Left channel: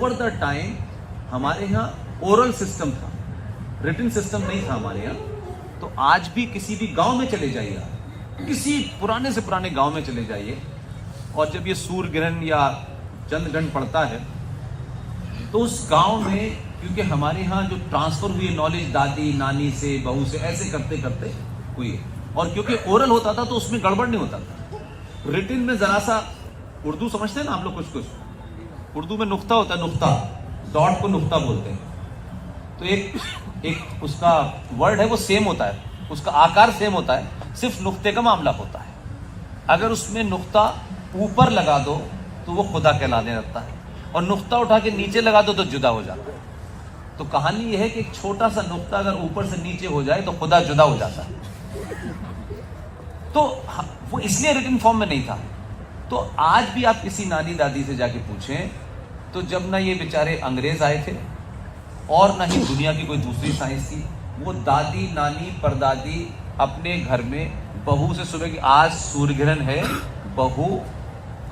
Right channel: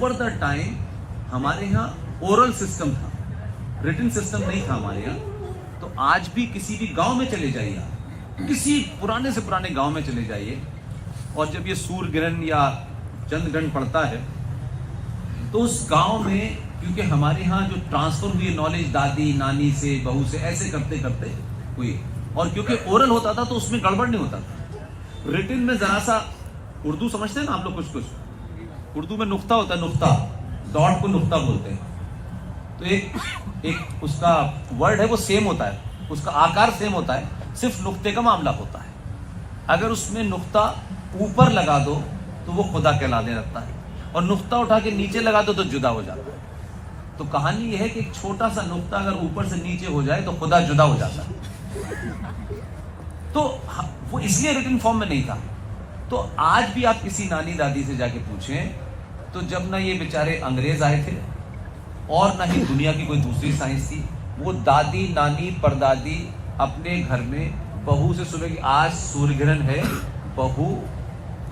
Over the time हमारे यहाँ oral system था, रिटन सिस्टम नहीं था हमारे यहाँ। तो आज भी किसी भी गांव में चले जाइए आप, किसी पुराने से पुराने गांव में चले जाइए, और जब ये सूर्य ग्रहण या चंद्र ग्रहण पड़ता है तो उस गांव में, क्योंकि हमारे यहाँ जो ट्रांसफर हुई नॉलेज दादी नानी से बहू से ऐसे करते करते हुई, और क्योंकि ओरल होता था तो उसमें गड़बड़ नहीं होता था। रिटन में जरा सा, उर्दू समझते हैं ना आप लोग, कुछ कुछ उर्दू में नुक्ता होता है, नुक्ता, डॉट को नुक्ता बोलते हैं। तो एक उसका वर्ड है वो सेम होता है, उसका आकार सेम होता है, सिर्फ नुक्ते का मामला होता है। अगर उसमें नुक्ता ऊपर लगा दो तो वो खुदा कहलाने लगता है, और नुक्ता उठा के नीचे लगा दो तो जुदा हो जाता है। तो कहानी यह है कि एक छोटा सा नुक्ता अगर ऊपर से नीचे हो जाए तो खुदा जुदा हो जाता है। तो वो इसलिए रिटन फॉर्म में नहीं था। तो आज भी आप किसी नानी दादी से जाके पूछें तो जब ना ये बेचारे अंग्रेज आए थे और ना ही दुनिया की कोई दूसरी साइंस थी, वो दादी नानी परदादी अपने घर में बहू से सुबह की आज सूर्य ग्रहण है, बहू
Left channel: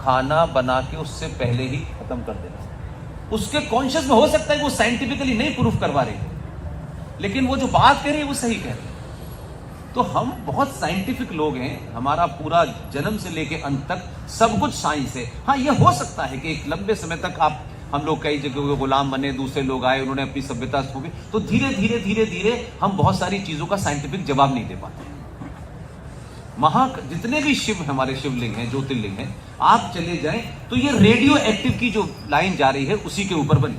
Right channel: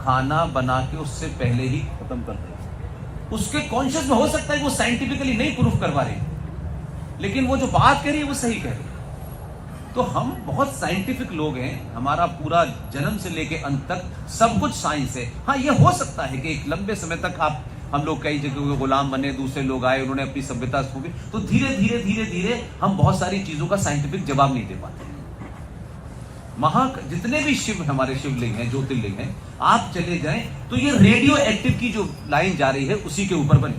खाना बना के उससे पहले ही खत्म कर देंगे। उसके कॉन्शियस में हो सकता है कि वो साइंटिफिकली नहीं प्रूफ करवा रहे, लेकिन वो जो बात कह रही है वो सही कह रही है। तो हम बहुत साइंटिफिक लोग हैं, हमारा पूरा जन्म से लेके अंत तक सब कुछ साइंस है। हाँ, ये हो सकता है कि एक लंबे समय तक हम लोग कई जगह गुलाम बने, दूसरे लोग आए, उन्होंने अपनी सभ्यता खो दी, तो धीरे धीरे धीरे धीरे हम बहुत सारी चीजों का साइंटिफिक जवाब नहीं दे पाते। जितने भी शिव हमारे शिवलिंग हैं, ज्योतिर्लिंग हैं, आप चले जाएं तो ये रेडियो एक्टिव की जो लाइन जा रही है उसी के ऊपर बनी।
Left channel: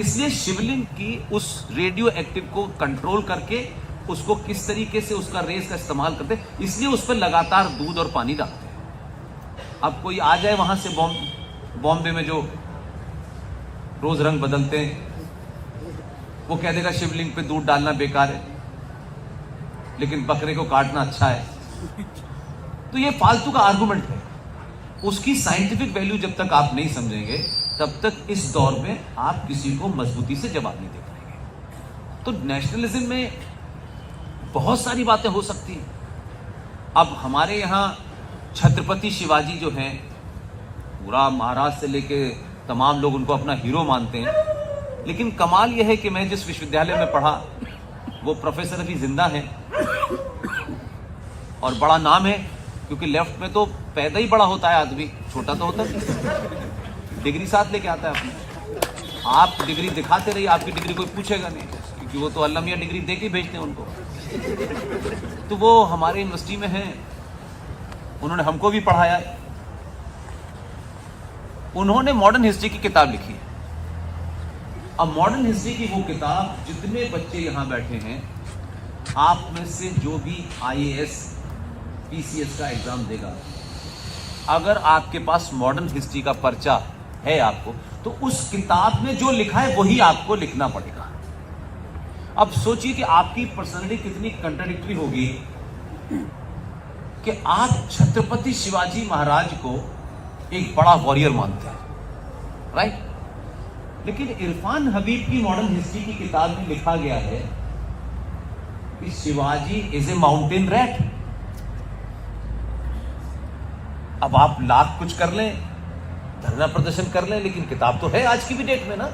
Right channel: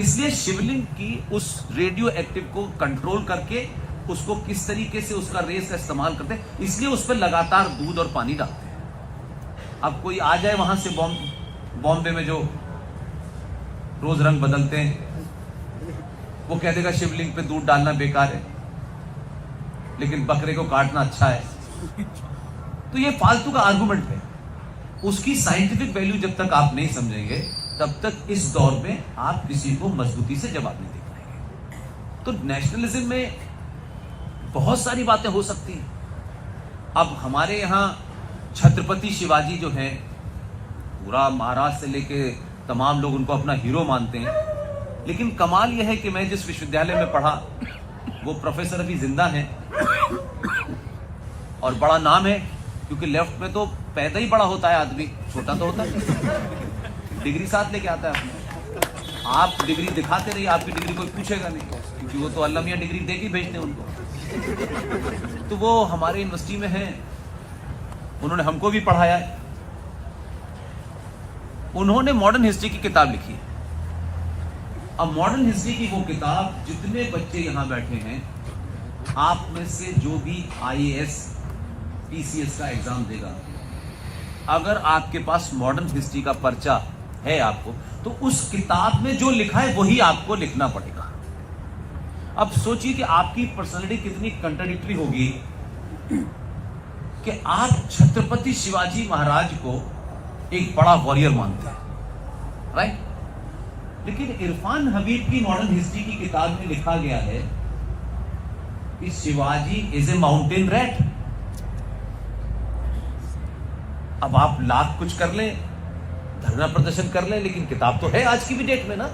इसलिए शिवलिंग की उस रेडियो एक्टिव को कंट्रोल करके उसको किस तरीके से उसका रेस का इस्तेमाल करते, इसलिए उस पर लगातार दूध और पानी डालते हैं। अब कोई आ जाए वहां से बॉम्बे में जो रोज रंग बदलते हैं, वो कह देगा शिवलिंग पे दूध डालना बेकार है, लेकिन बकरे को काटना अच्छा है। तो ये फालतू का आर्गुमेंट है। उसकी साइंटिफिक वैल्यू जब तक आप नहीं समझेंगे तब तक इस दौर में आप किसी को मजबूती से जवाब नहीं दे पाएंगे। तो नेशनलिज्म में बहुत सारी बातें हो सकती हैं। अब हमारे यहां छत्रपति शिवाजी जो हैं, पूरा महाराष्ट्र से लेके तमाम लोग उनको अपना हीरो मानते हैं, लेकिन कमाल यह है कि मैं जिस विश्वविद्यालय में पढ़ा वो प्रोफेसर अभी जिंदा हैं और बड़ा नाम है, क्योंकि लेफ्ट में तो पैदा ही बड़ा होता है आदमी, छोटा तो होता नहीं। डिग्री साथ लेके आता है अपने, आप डिग्री दिखाते रहिए, आपकी डिग्री कोई पूछेगा नहीं, क्योंकि वो तो अल्लाह मियां डिग्री दे के भेजते हैं उनको। तो वो हमारे यूनिवर्सिटी में हैं, उन्होंने हमको भी पढ़ाया। उन्होंने मॉडर्न हिस्ट्री की किताब लिखी है। अब मॉडर्न हिस्ट्री की वो किताब, जितने बच्चे यहां बैठे हैं, आप में से जो भी आईएएस पीसीएस का एग्जाम देगा, अगर आपके पास मॉडर्न हिस्ट्री का पर्चा है आपको, तो उस किताब में जो लिखा है वही आपको लिखना पड़ेगा। अब सोचिए कि आपकी पर्सनालिटी कितनी कंट्राडिक्टरी होगी कि आप छत्रपति शिवाजी महाराज को एक बड़ा वॉरियर मानते हैं, राइट? लेकिन इरफान हबीब की मॉडर्न हिस्ट्री की किताब में लिखा गया है कि Shivaji is a mountain rat. अब आप लाख कुछ कर लें, धरना प्रदर्शन कर लें, लेकिन किताब तो है आज की भी डेट में ना।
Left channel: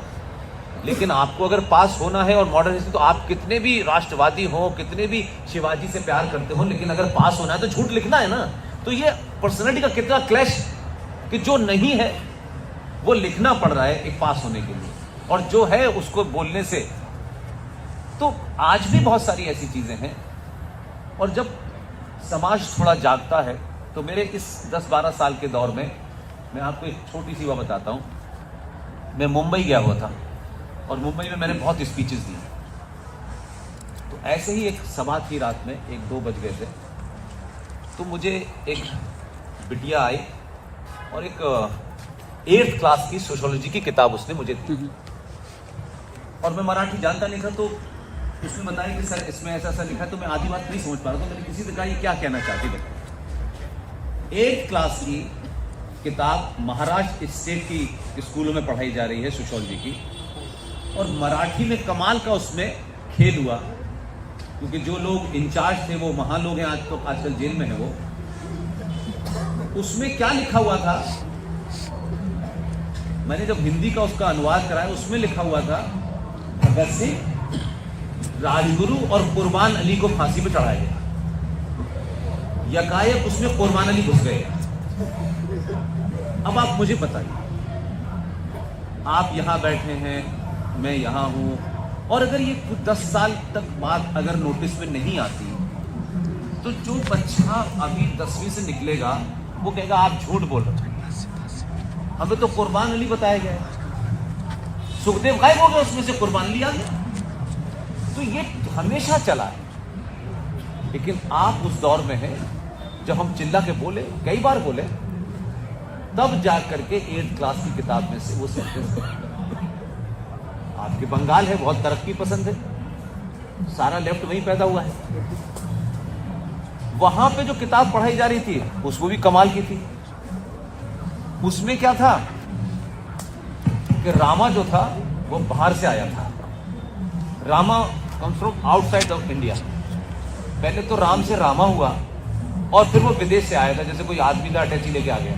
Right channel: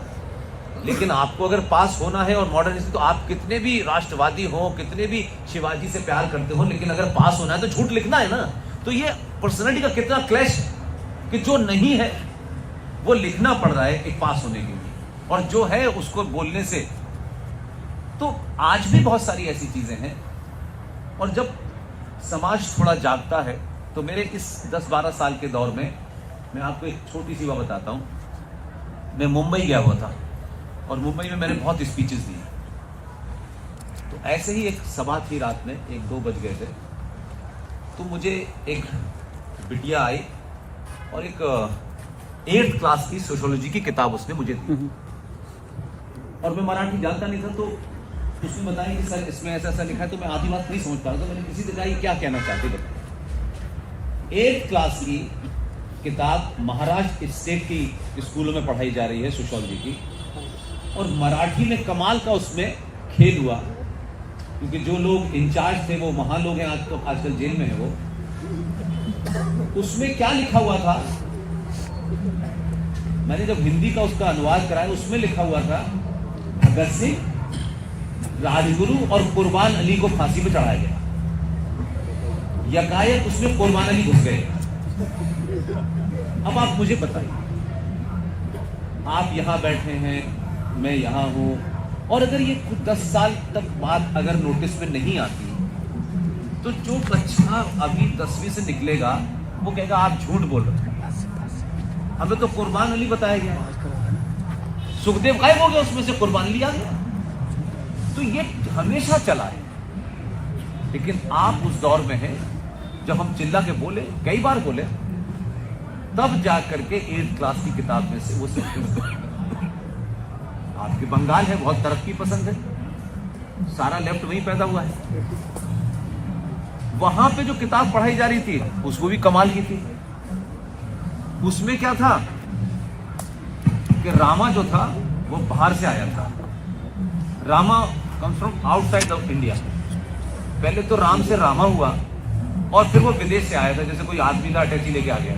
लेकिन आपको अगर पास होना है और मॉडर्न हिस्ट्री, तो आप कितने भी राष्ट्रवादी हो, कितने भी शिवाजी से प्यार करते हो, लेकिन अगर पास होना है तो झूठ लिखना है ना। तो ये पर्सनैलिटी का कितना क्लैश कि जो नहीं है वो लिखना पड़ रहा है एक पास होने के लिए, और जो है उसको बोलने से। तो आज भी बहुत सारी ऐसी चीजें हैं। और जब समाज थोड़ा जागता है, तो मेरे इस 10-12 साल के दौर में मैं आपको एक छोटी सी बात बताता हूं। मैं मुंबई गया हुआ था और मुंबई में मैंने बहुत स्पीचेस दी। तो ऐसे ही एक सभा थी, रात में 1-2 बज गए थे। तो मुझे एक बिटिया आई और एक 8th क्लास की सोशियोलॉजी की किताब उसने मुझे दी, और मैं मराठी जानता नहीं था। तो उसने बताया कि सर इसमें ऐसा ऐसा लिखा है, तो मैं आधी बात नहीं समझ पा रहा। तो मैंने किसी से कहा क्या कहना चाहती बताइए। 8th क्लास की किताब महाराष्ट्र स्टेट की स्कूलों में पढ़ाई जा रही है सोशियोलॉजी की, और मराठी में कमाल का उसमें खेल हुआ, क्योंकि जो लोग इंचार्ज थे वो वहां लोग हैं, आजकल जेल में है वो। उसमें क्या लिखा हुआ था, मैंने जब हिंदी का उसका अनुवाद कराया, उसमें लिखा हुआ था भगत सिंह, राजगुरु और कुर्बान अली को फांसी पे चढ़ाया गया। यकायक उसमें कुर्बान अली घुस गए। अब आप मुझे बताइए, आप यहां बैठे हैं, मैं यहां हूं, और अगर ये 10 साल तक बात अगर नोटिस में नहीं आती, तो जो बच्चा अभी 10वीं से निकलेगा वो कहेगा आप झूठ बोल रहे हैं, हमें तो कुर्बान अली बताया गया है, सुखदेव गायब हो गया, उसमें से कुर्बान अली आ गया। तो ये हमेशा चला है। लेकिन आप उस दौर में हैं जब हम चिल्ला के बोले, कई बार बोले, तब जाकर के 8th क्लास की किताब में से वो सब। आपके बंगाल है, बहुत तरक्की पसंद है, सारा लेफ्ट वहीं पैदा हुआ है। वहां पे जो किताब पढ़ाई जा रही थी उसको भी कमाल की थी। उसमें क्या था कि रामा जो था वो बाहर से आया था। Rama comes from outside of India. पहले तो राम से रामा हुआ और फिर वो विदेश से आया था, जैसे कोई आदमी का अटैची लेके आ गया।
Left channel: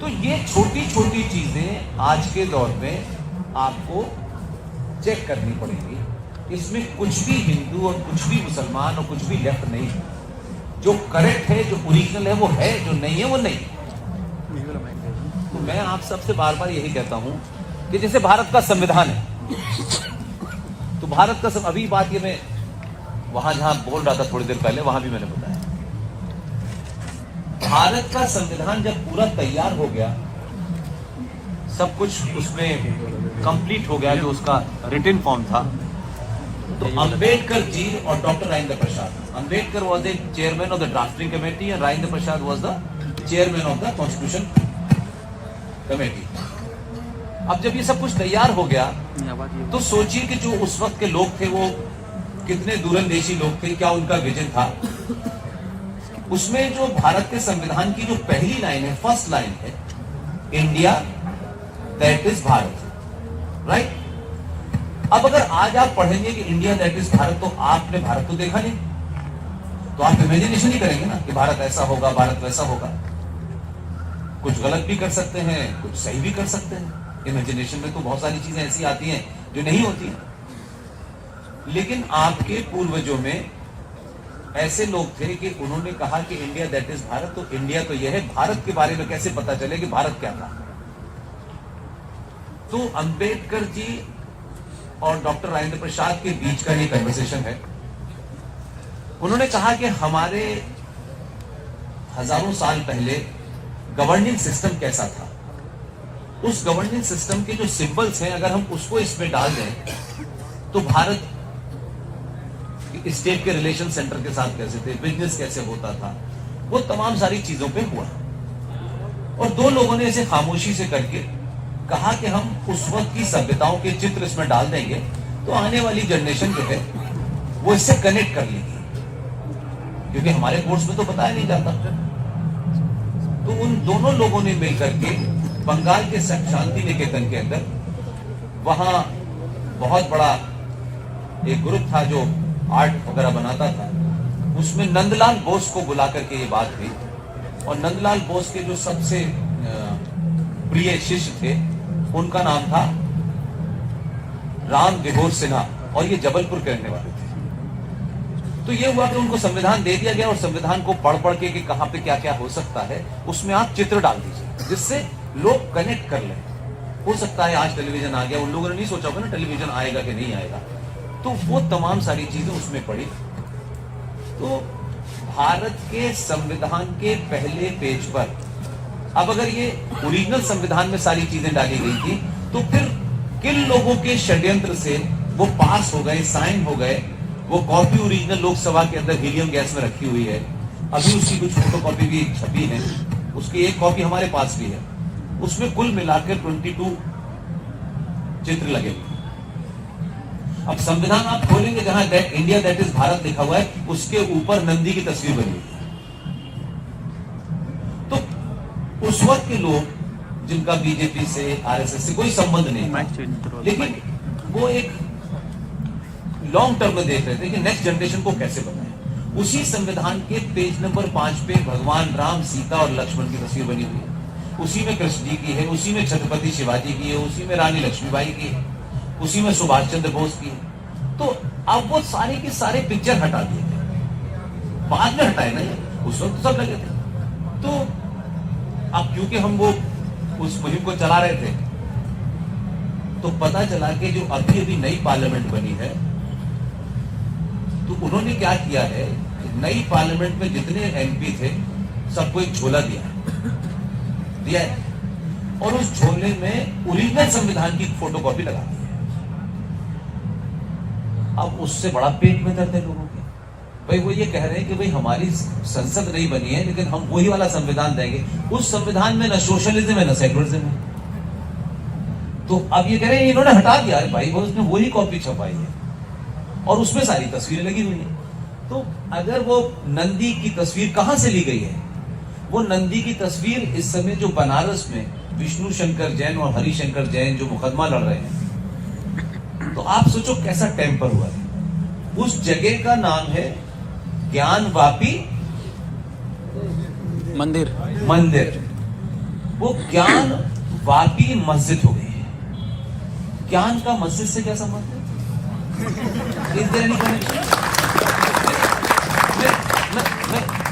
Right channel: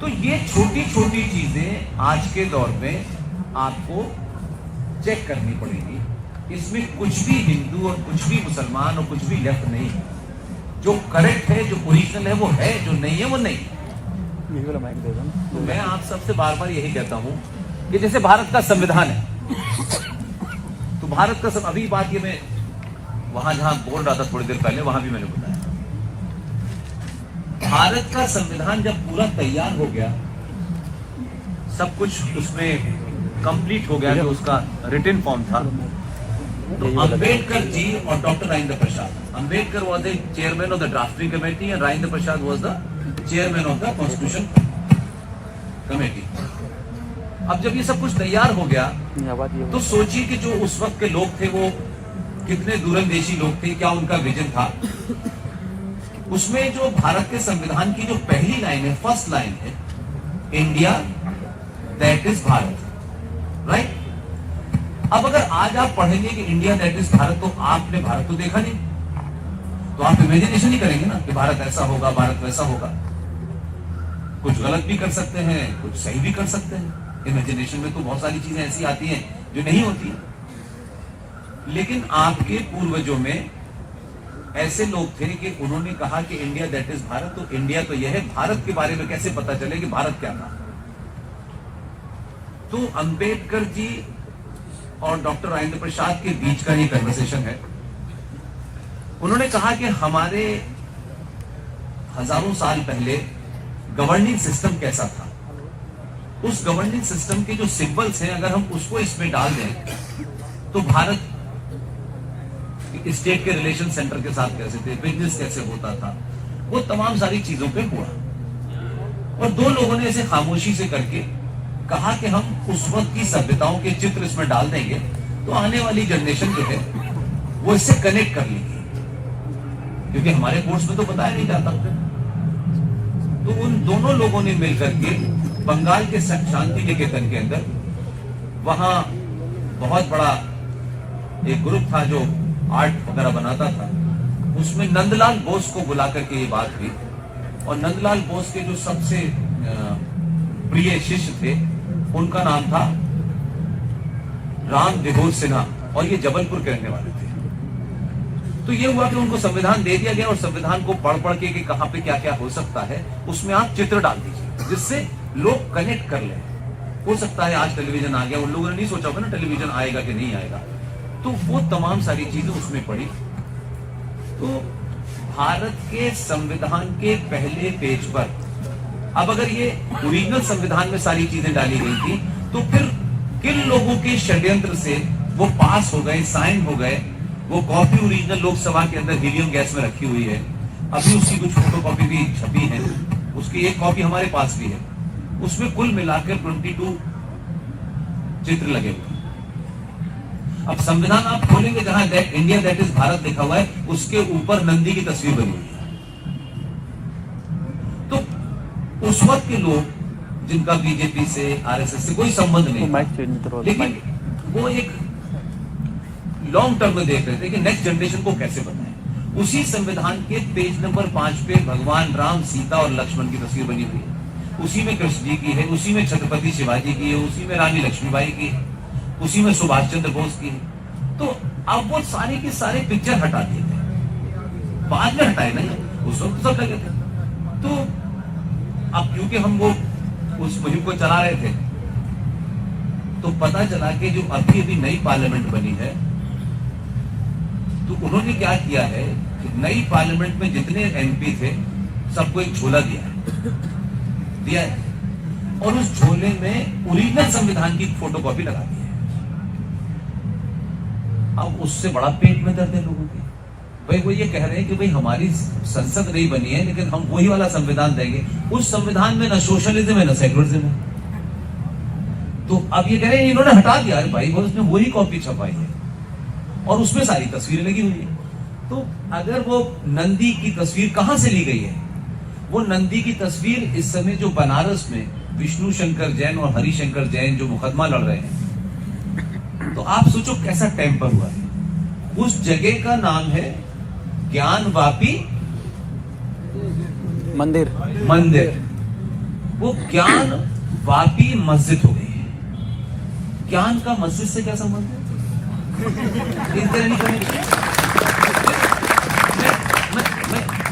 तो ये छोटी छोटी चीजें आज के दौर में आपको चेक करनी पड़ेगी। इसमें कुछ भी हिंदू और कुछ भी मुसलमान और कुछ भी लेफ्ट नहीं है। जो करेक्ट है, जो ओरिजिनल है वो है, जो नहीं है वो नहीं। तो मैं आप सबसे बार बार यही कहता हूं कि जैसे भारत का संविधान है, तो भारत का अभी बात ये मैं वहां जहां बोल रहा था थोड़ी देर पहले, वहां भी मैंने बताया, भारत का संविधान जब पूरा तैयार हो गया, सब कुछ उसमें कंप्लीट हो गया, जो उसका रिटन फॉर्म था, तो अंबेडकर जी और doctor Rajendra Prasad, Ambedkar was the chairman of the drafting committee and Rajendra Prasad was the chairman of the constitution committee. अब जब ये सब कुछ तैयार हो गया, तो सोचिए कि जो उस वक्त के लोग थे वो कितने दूरंदेशी लोग थे, क्या उनका विजन था। उसमें जो भारत के संविधान की जो पहली लाइन है, फर्स्ट लाइन है, India that is Bharat, right. अब अगर आज आप पढ़ेंगे कि इंडिया दैट इज भारत, तो आपने भारत को देखा नहीं, तो आप इमेजिनेशन ही करेंगे ना कि भारत ऐसा होगा, भारत वैसा होगा। कुछ गलत भी कर सकते हैं, कुछ सही भी कर सकते हैं। इमेजिनेशन में तो बहुत सारी चीजें ऐसी आती हैं जो नहीं होती हैं। लेकिन आपके पूर्वजों में ऐसे लोग थे कि उन्होंने कहा कि इंडिया दैट इज भारत, तो इंडिया तो यह है, भारत के बारे में कैसे पता चले कि भारत क्या था। तो अंबेडकर जी और डॉक्टर राजेंद्र प्रसाद के बीच का ये कन्वर्सेशन है। उन्होंने कहा कि हमारे हजारों साल पहले गवर्निंग सिस्टम कैसा था, उस गवर्निंग सिस्टम के जो सिंबल्स हैं, अगर हम उसको इसमें डाल दें, तो भारत स्टेट के रिलेशन सेंटर के साथ कैसे थे, बिजनेस कैसे होता था, वो तमाम सारी चीजों पे हुआ। और दो लोगों ने इसे खामोशी से करके कहा कि हम उस वक्त की सभ्यताओं के चित्र इसमें डाल देंगे, तो आने वाली जनरेशन जो है वो इससे कनेक्ट कर लेगी, क्योंकि हमारे कोर्स में तो बताया नहीं जाता। तो उन दोनों लोगों ने मिलकर के बंगाल के शांति निकेतन के अंदर, वहां बहुत बड़ा एक ग्रुप था जो आर्ट वगैरह बनाता था, उसमें नंदलाल बोस को बुला करके ये बात हुई। और नंदलाल बोस के जो सबसे प्रिय शिष्य थे, उनका नाम था राम विभोर सिन्हा, और ये जबलपुर के रहने वाले थे। तो ये हुआ कि उनको संविधान दे दिया गया, और संविधान को पढ़ पढ़ के कि कहां पे क्या क्या हो सकता है, उसमें आप चित्र डाल दीजिए, जिससे लोग कनेक्ट कर लें। हो सकता है आज टेलीविजन आ गया, उन लोगों ने नहीं सोचा होगा ना टेलीविजन आएगा कि नहीं आएगा, तो वो तमाम सारी चीजें उसमें पड़ी। तो भारत के संविधान के पहले पेज पर अब अगर ये ओरिजिनल संविधान में सारी चीजें डाली गई थी, तो फिर किन लोगों के षड्यंत्र से वो पास हो गए, साइन हो गए। वो कॉपी ओरिजिनल लोकसभा के अंदर हीलियम गैस में रखी हुई है, अभी उसकी कुछ फोटो कॉपी भी छपी है, उसकी एक कॉपी हमारे पास भी है। उसमें कुल मिलाकर 22 चित्र लगे हुए। अब संविधान आप खोलेंगे, जहां इंडिया दैट इज भारत लिखा हुआ है, उसके ऊपर नंदी की तस्वीर बनी हुई है। तो उस वक्त के लोग जिनका बीजेपी से, आरएसएस से कोई संबंध नहीं, लेकिन वो एक लॉन्ग टर्म में देख रहे थे कि नेक्स्ट जनरेशन को कैसे बनाएं। उसी संविधान के पेज नंबर 5 पे भगवान राम, सीता और लक्ष्मण की तस्वीर बनी हुई है। उसी में कृष्ण जी की है, उसी में छत्रपति शिवाजी की है, उसी में रानी लक्ष्मीबाई की है, उसी में सुभाष चंद्र बोस की है। तो अब वो सारे के सारे पिक्चर हटा दिए गए, बाद में हटाए गए, उस वक्त सब लगे थे। तो अब क्योंकि हम वो उस मुहिम को चला रहे थे, तो पता चला कि जो अभी अभी नई पार्लियामेंट बनी है, तो उन्होंने क्या किया है, नई पार्लियामेंट में जितने एमपी थे सबको एक झोला दिया है, और उस झोले में ओरिजिनल संविधान की फोटोकॉपी लगा दी है। अब उससे बड़ा पेट में दर्द है लोगों के। भाई वो ये कह रहे हैं कि भाई हमारी संसद नहीं बनी है, लेकिन हम वही वाला संविधान देंगे। उस संविधान में न सोशलिज्म है न सेकुलरिज्म है। तो अब ये कह रहे हैं इन्होंने हटा दिया है भाई, वो उसमें वही कॉपी छपाई है और उसमें सारी तस्वीरें लगी हुई है। तो अगर वो नंदी की तस्वीर कहां से ली गई है, वो नंदी की तस्वीर इस समय जो बनारस में विष्णु शंकर जैन और हरिशंकर जैन जो मुकदमा लड़ रहे हैं, तो आप सोचो कैसा टेम्पर हुआ है। उस जगह का नाम है ज्ञानवापी मंदिर। वो ज्ञानवापी मस्जिद हो गई है। ज्ञान का मस्जिद से क्या संबंध है?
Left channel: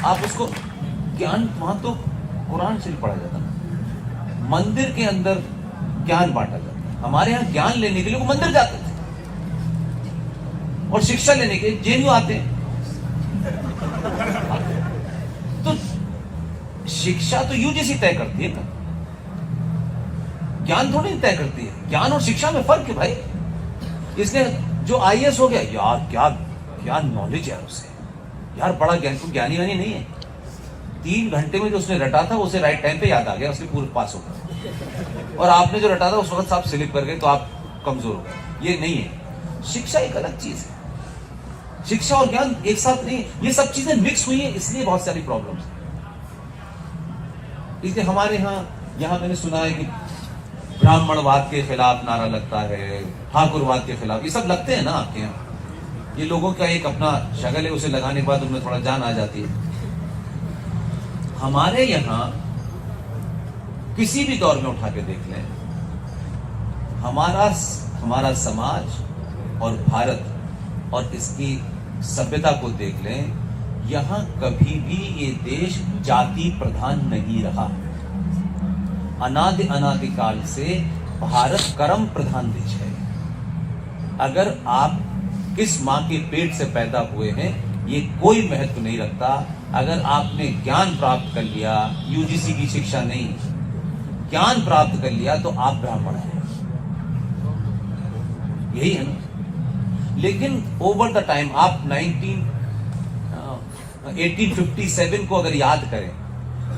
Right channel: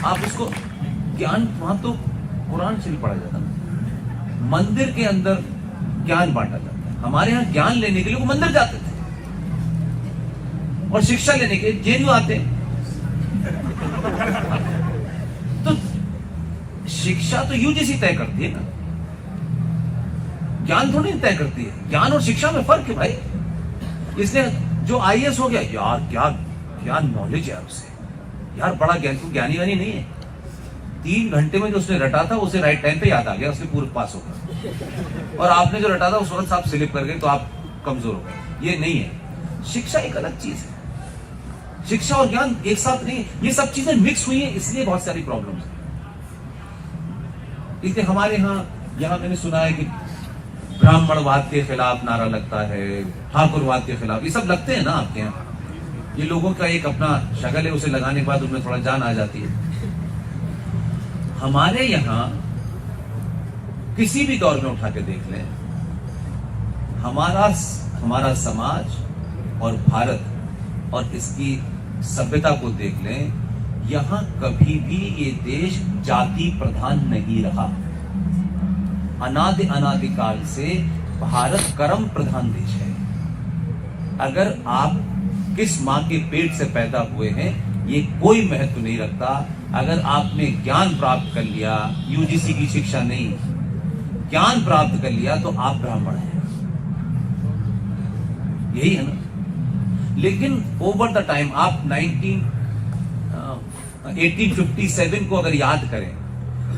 आप उसको ज्ञान, वहां तो कुरान शरीफ पढ़ा जाता है, मंदिर के अंदर ज्ञान बांटा जाता है। हमारे यहां ज्ञान लेने के लिए वो मंदिर जाते थे और शिक्षा लेने के जेएनयू आते हैं। तो शिक्षा तो यूजीसी तय करती है, ज्ञान थोड़ी तय करती है। ज्ञान और शिक्षा में फर्क है भाई। इसने जो आईएएस हो गया, यार क्या नॉलेज है यार उसे, यार बड़ा ज्ञानी वानी नहीं है। 3 घंटे में जो उसने रटा था उसे राइट टाइम पे याद आ गया, उसके पूरे पास हो गया। और आपने जो रटा था उस वक्त आप स्लिप कर गए तो आप कमजोर हो गए। ये नहीं है। शिक्षा एक अलग चीज है। शिक्षा और ज्ञान एक साथ नहीं, ये सब चीजें मिक्स हुई है, इसलिए बहुत सारी प्रॉब्लम्स है। इसलिए हमारे यहाँ मैंने सुना है कि ब्राह्मणवाद के खिलाफ नारा लगता है, ठाकुरवाद के खिलाफ, ये सब लगते हैं ना आपके यहाँ। ये लोगों का एक अपना शगल है, उसे लगाने के बाद उनमें थोड़ा जान आ जाती है। हमारे यहां किसी भी दौर में उठा के देख लें, हमारा समाज और भारत और इसकी सभ्यता को देख लें, यहां कभी भी ये देश जाति प्रधान नहीं रहा। अनादि काल से भारत कर्म प्रधान देश है। अगर आप किस मां के पेट से पैदा हुए हैं ये कोई महत्व नहीं रखता। अगर आपने ज्ञान प्राप्त कर लिया, यूजीसी की शिक्षा नहीं, ज्ञान प्राप्त कर लिया तो आप ब्राह्मण हैं, यही है ना। लेकिन ओवर द टाइम आप 1857 को अगर याद करें,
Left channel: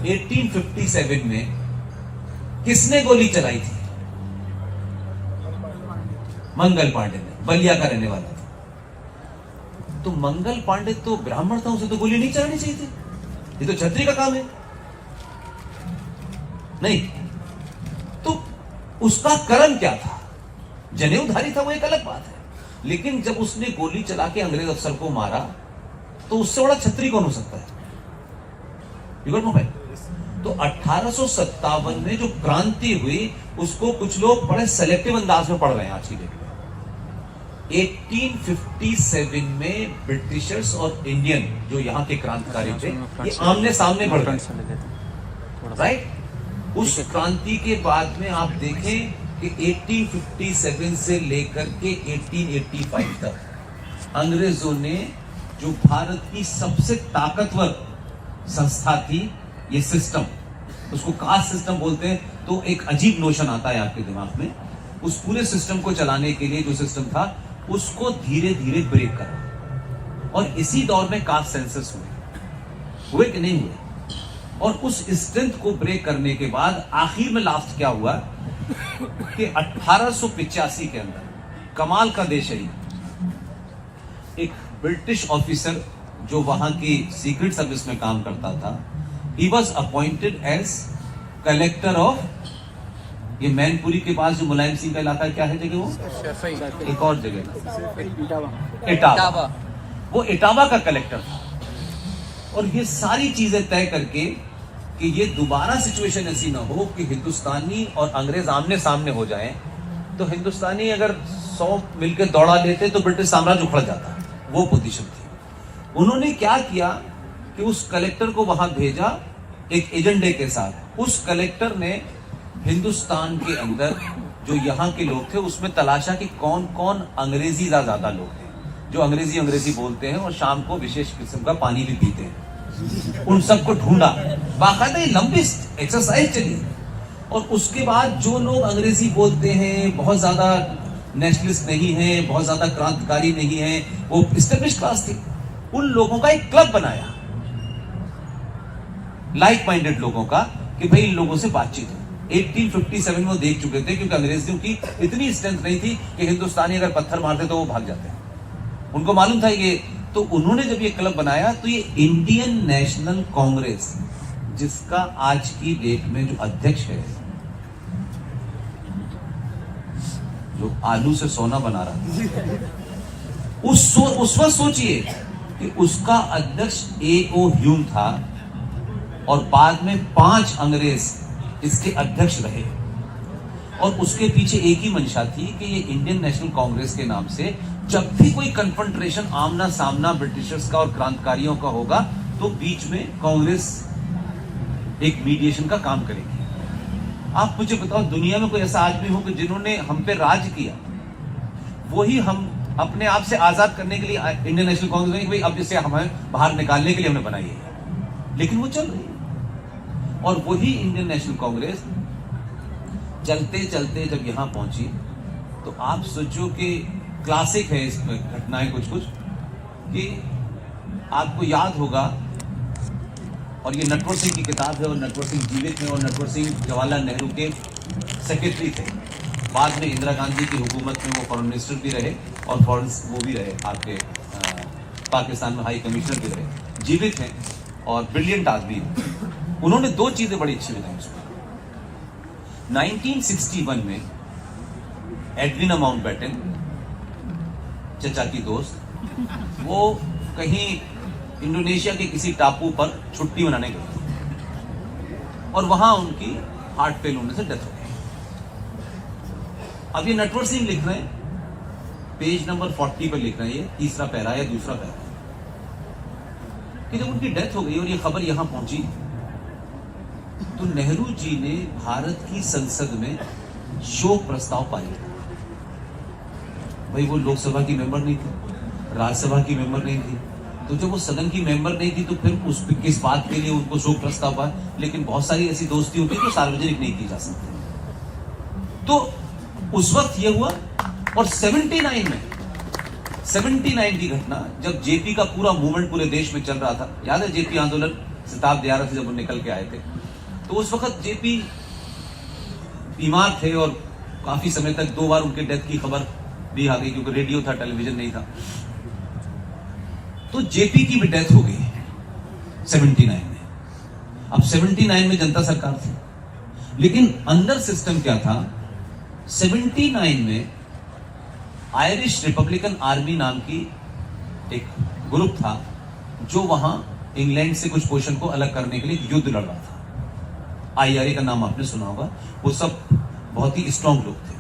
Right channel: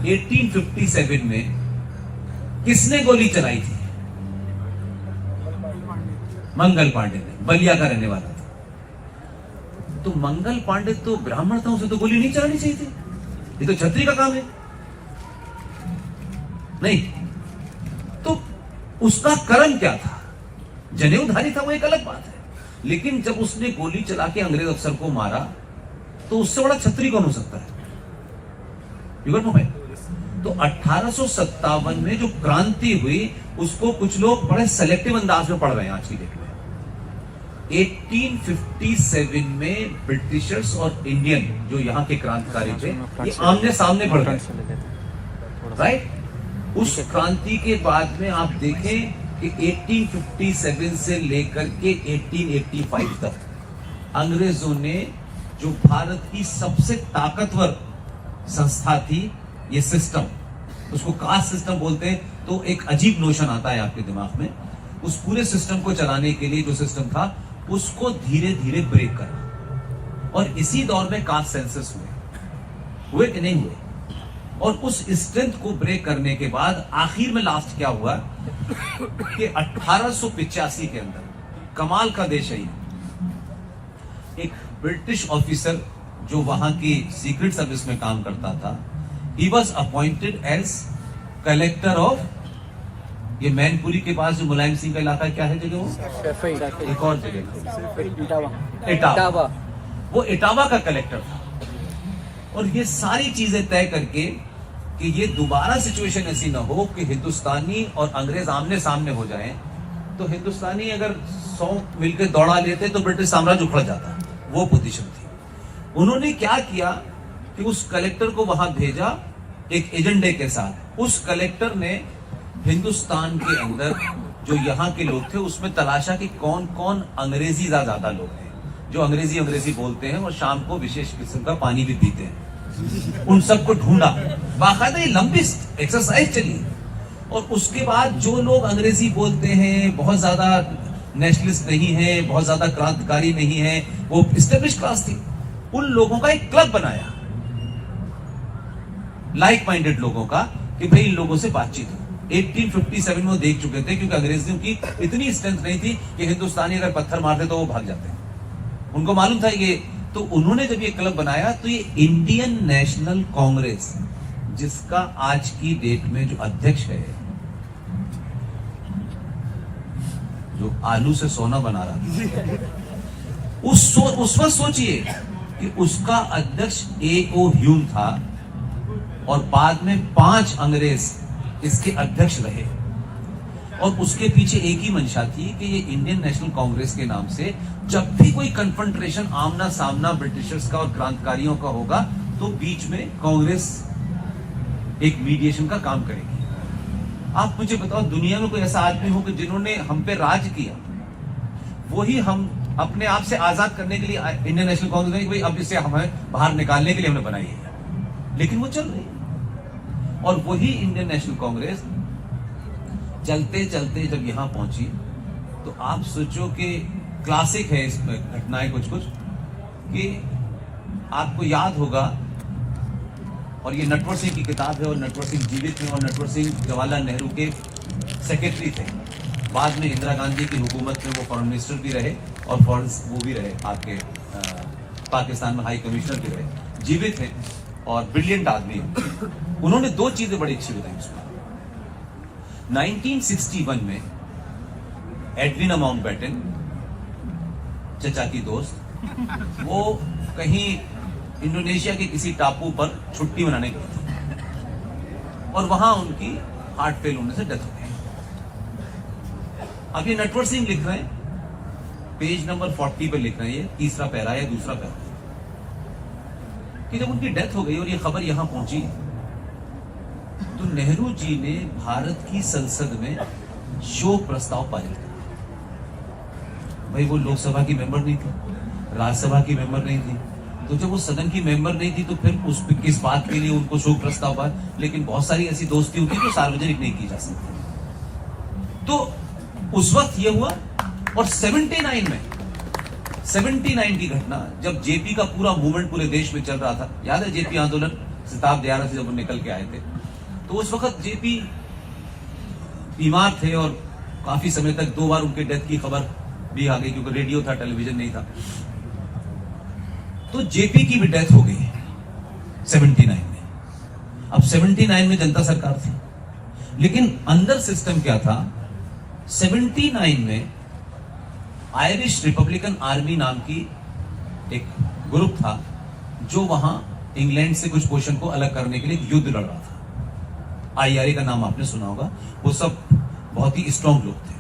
1857 में किसने गोली चलाई थी? मंगल पांडे ने, बलिया का रहने वाला था। तो मंगल पांडे तो ब्राह्मण था, उसे तो गोली नहीं चलानी चाहिए थी। ये तो छत्री का काम है नहीं। तो उसका कर्म क्या था? जनेऊधारी था, वो एक अलग बात है। लेकिन जब उसने गोली चला के अंग्रेज अफसर को मारा तो उससे बड़ा छत्री कौन हो सकता है? तो 1857 में जो क्रांति हुई उसको कुछ लोग बड़े सेलेक्टिव अंदाज में पढ़ रहे हैं आज की डेट में। 1857 में ब्रिटिशर्स और इंडियन जो यहाँ के क्रांतिकारी थे ये आमने सामने बढ़ गए, राइट। उस क्रांति के बाद में आप देखें कि 1857 से लेकर के 1885 तक अंग्रेजों ने जो भारत की सबसे ताकतवर संस्था थी, ये सिस्टम, उसको कास्ट सिस्टम बोलते हैं, तो एक अजीब नोशन आता है आपके दिमाग में। उस पूरे सिस्टम को चलाने के लिए जो सिस्टम था उसको धीरे धीरे ब्रेक करा। और इसी दौर में कास्ट सेंसस हुए कि नहीं हुए? और उस स्ट्रेंथ को ब्रेक करने के बाद आखिर में लास्ट क्या हुआ कि 1885 के अंदर कमाल का देश है, एक ब्रिटिश ऑफिसर जो वहां की सीक्रेट सर्विस में काम करता था, he was appointed as collector of, ये मैनपुरी के पास जो मुलायम सिंह का इलाका है, क्या है जगह वो? एक और जगह इटावा। वो इटावा का कलेक्टर था। और ये सारी चीजें तय करके कि ये दोबारा सिचुएशन ऐसी ना हो कि हिंदुस्तानी और अंग्रेज आमने सामने हो जाएं, तो हिंदुस्तानी अगर 100 मिलकर दौड़ा लेते तो ब्रिटिश साम्राज्य उखड़ जाता। वो पोजीशन थी। उन्होंने क्या किया कि उस कलेक्टर को वहां भेजा एक एजेंडे के साथ। उस कलेक्टर ने हिंदुस्तान के अंदर जो यहाँ के लोग थे उसमें तलाशा कि कौन कौन अंग्रेजी ज्यादा लोग हैं, जो अंग्रेजी बोलते हैं और शाम को विशेष किस्म का पानी भी पीते हैं। उन सबको ढूंढा, बाकायदा ये लंबी एक्सरसाइज चली। और उसके बाद जो लोग अंग्रेजी बोलते हैं, बहुत ज्यादा नेशनलिस्ट नहीं है, बहुत ज्यादा क्रांतिकारी नहीं है, वो स्टेब्लिश क्लास थी, उन लोगों का एक क्लब बनाया, लाइक माइंडेड लोगों का, कि भाई इन लोगों से बातचीत हो। 1857 में वो देख चुके थे, क्योंकि अंग्रेजों की इतनी स्ट्रेंथ नहीं थी कि हिंदुस्तानी अगर पत्थर मारते तो वो भाग जाते, उनको मालूम था ये। तो उन्होंने जब ये क्लब बनाया तो ये इंडियन नेशनल कांग्रेस, जिसका आज की डेट में जो अध्यक्ष है, जो आलू से सोना बना रहा था, उस वक्त सोचिए कि उसका अध्यक्ष A.O. ह्यूम था और बाद में 5 अंग्रेज इसके अध्यक्ष रहे। और उसके पीछे एक ही मंशा थी कि ये इंडियन नेशनल कांग्रेस के नाम से जब भी कोई कन्फ्रंट्रेशन, आमना सामना ब्रिटिशर्स का और क्रांतिकारियों का होगा, तो बीच में कांग्रेस एक मीडिएशन का काम करेगी। आप मुझे बताओ, दुनिया में कोई ऐसा आदमी हो कि जिन्होंने हम पे राज किया, वही हम अपने आप से आजाद करने के लिए इंडियन नेशनल कांग्रेस, भाई अब इसे हमें बाहर निकालने के लिए हमने बनाई है, लेकिन वो चल रही। और वही इंडियन नेशनल कांग्रेस चलते चलते जब यहां पहुंची, तो आप सोचो कि क्लासिक है इसमें घटनाएं कुछ कि आपको याद होगा, और ये नटवर सिंह की किताब है, और नटवर सिंह जीवित हैं, और नटवर सिंह जवाहरलाल नेहरू के सेक्रेटरी थे। बाद में इंदिरा गांधी की हुकूमत में वो फॉरेन मिनिस्टर भी रहे और फॉरेन वो भी रहे, आपके पाकिस्तान में हाई कमिश्नर भी रहे। जीवित हैं और ब्रिलियंट आदमी हैं। उन्होंने 2 चीजें बड़ी अच्छी बताई उसमें। 1961 में एडविना माउंटबेटन, चचा की दोस्त, वो कहीं इंडोनेशिया के किसी टापू पर छुट्टी मनाने गए थे और वहां उनकी हार्ट फेल होने से डेथ हो गई। अब ये नटवर सिंह लिख रहे हैं, पेज नंबर 40 पर लिख रहे हैं, ये तीसरा पैरा या दूसरा पैरा, कि जब उनकी डेथ हो गई और ये खबर यहां पहुंची, तो नेहरू जी ने भारत की संसद में शोक प्रस्ताव पारित किया। भाई वो लोकसभा की मेंबर नहीं थी, राज्यसभा की मेंबर नहीं थी, तो जब वो सदन की मेंबर नहीं थी तो फिर उस किस बात के लिए उनको शोक प्रस्ताव पाया। लेकिन बहुत सारी ऐसी दोस्ती होती है जो सार्वजनिक नहीं की जा सकती। तो उस वक्त ये हुआ। और 79 की घटना, जब जेपी का पूरा मूवमेंट पूरे देश में चल रहा था, याद है जेपी आंदोलन शताब्दी 11 से जब वो निकल के आए थे, तो उस वक्त जेपी बीमार थे और काफी समय तक 2 बार उनके डेथ की खबर भी आ गई, क्योंकि रेडियो था, टेलीविजन नहीं था। तो जेपी की भी डेथ हो गई 79 में। अब 79 में जनता सरकार थी, लेकिन अंदर सिस्टम क्या था, 79 में आयरिश रिपब्लिकन आर्मी नाम की एक ग्रुप था, जो वहां इंग्लैंड से कुछ पोर्शन को अलग करने के लिए युद्ध लड़ रहा था। IRA का नाम आपने सुना होगा। वो सब बहुत ही स्ट्रांग लोग थे।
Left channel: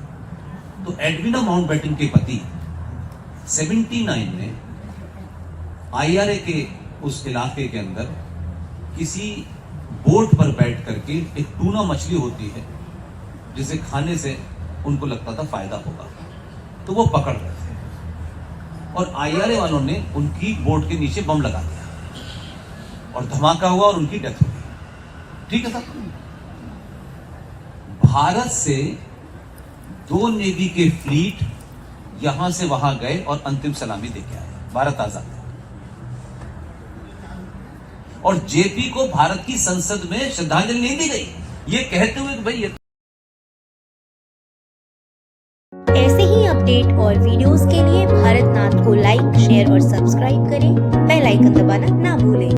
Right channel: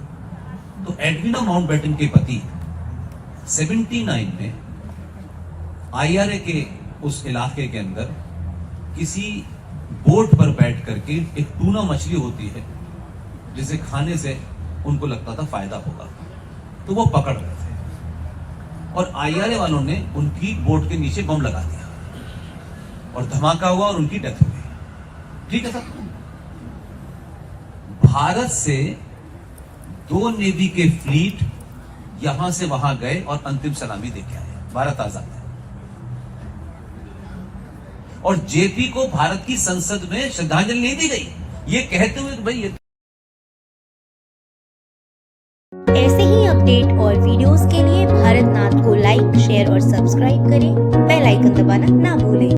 तो एडविना माउंटबेटन के पति 79 में IRA के उस इलाके के अंदर किसी बोट पर बैठ करके, एक टूना मछली होती है जिसे खाने से उनको लगता था फायदा होगा, तो वो पकड़ रहे थे और IRA वालों ने उनकी बोट के नीचे बम लगा दिया और धमाका हुआ और उनकी डेथ हो गई। ठीक है सर। भारत से 2 नेवी के फ्लीट यहां से वहां गए और अंतिम सलामी देके आए। भारत आजाद। और जेपी को भारत की संसद में श्रद्धांजलि नहीं दी गई, ये कहते हुए कि भाई ये। ऐसे ही अपडेट और वीडियोस के लिए भारतनाथ को लाइक, शेयर और सब्सक्राइब करें। बेल आइकन दबाना ना भूलें।